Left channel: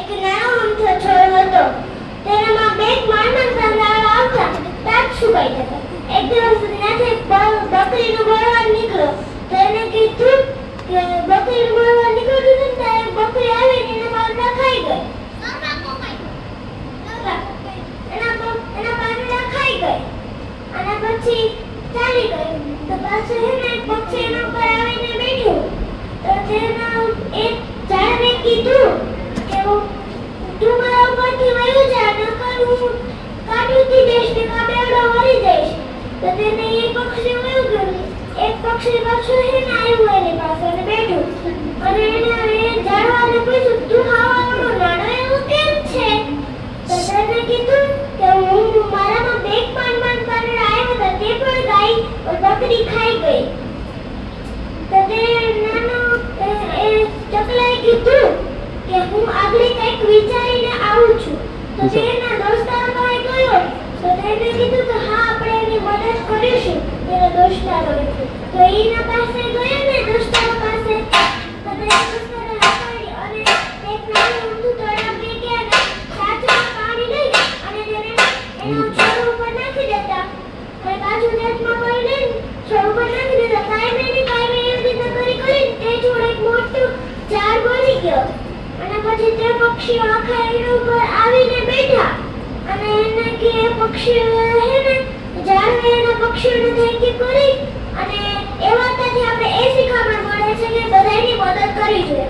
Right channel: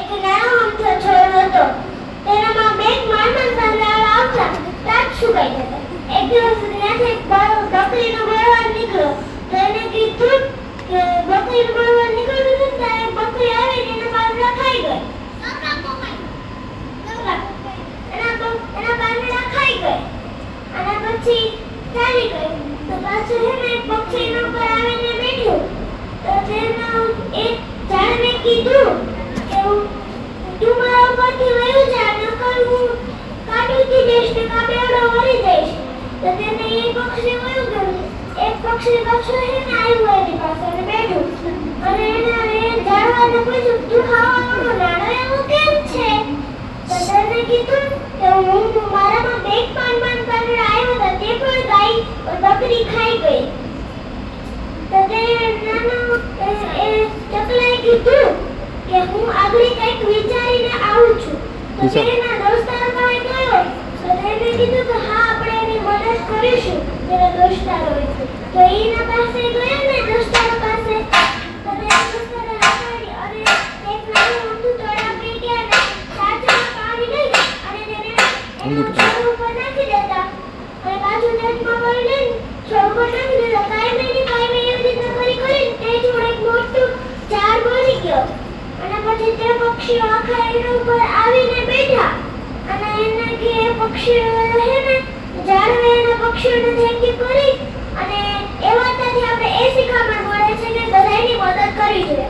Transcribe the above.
એક નાનો અમથો છોડ હતો. તેનામાં બે નાના નાના આવતા તાપ સુકાઈ જતા. એક દિવસ ત્યાંથી બકરીનો બળવાન નીકળ્યો. તેને કીધું કે બકરીનો બળવાન નીકળ્યું ને ત્યારે બકરી આવીને એના પાંદડા ખાઈ ગઈ. એના પાંદડા ખાઈ ગઈ અને પછી ચાલી ગઈ. તો પાછું છે ને એક પક્ષી એના ઉપર આવીને બેઠું. તો તેના એક ઝાડને કીધું કે તું મારા ઉપરથી વહી જા, નકર હું કાઢી દઈશ ને કાબેડો મરી જઈશ. તો તેને એક પક્ષી વયું ગયું. એક પક્ષી પાછું છે ને આવ્યું એની પાસે અને બેઠું અને એને ઝાડવાને પૂછ્યું, તું ખાવાનું જાણો એવું કેમ છે? તો તેને કીધું કે હું મારામાં બે પાંદડા આવ્યા હતા તે પણ ગાય બકરી ખાઈ ગઈ. તો તે નાનો એ ચકલાએ કીધું કે હું આગળ કંઈક વિચારીને આવું છું. તો તેના દોસ્તારો પાસે ગયો. તો તેને કીધું કે હા આપણે એની મદદ કરીશું. તેના દોસ્તારો તો એના પાસે ગયા ને દોસ્તારો પાસે. તો તેના દોસ્તારો હસાડી અને એક નાનું ઊંધું તળાવ કે ગયા ને સાચમાં પાણી લઈ અને તેને એના છોડ ઉપર નાખી દેતા. અને પાછું નેટમાં વાળી લઈને છોડ ઉપર નાખી દેતા. કાયમી એવી રીતે કરી તે છોડ એક મોટું ઝાડ બની ગયો. અને પછી તે પક્ષીઓ આખા એના ઉપર આવીને બેઠા અને એને કે પક્ષીઓ હે ને ઝાડને એના પક્ષીઓને થેન્ક યુ કરી અને એ વાતથી આપણે એ શીખામણ મળે છે કે બધાની મદદ કરવી જોઈએ.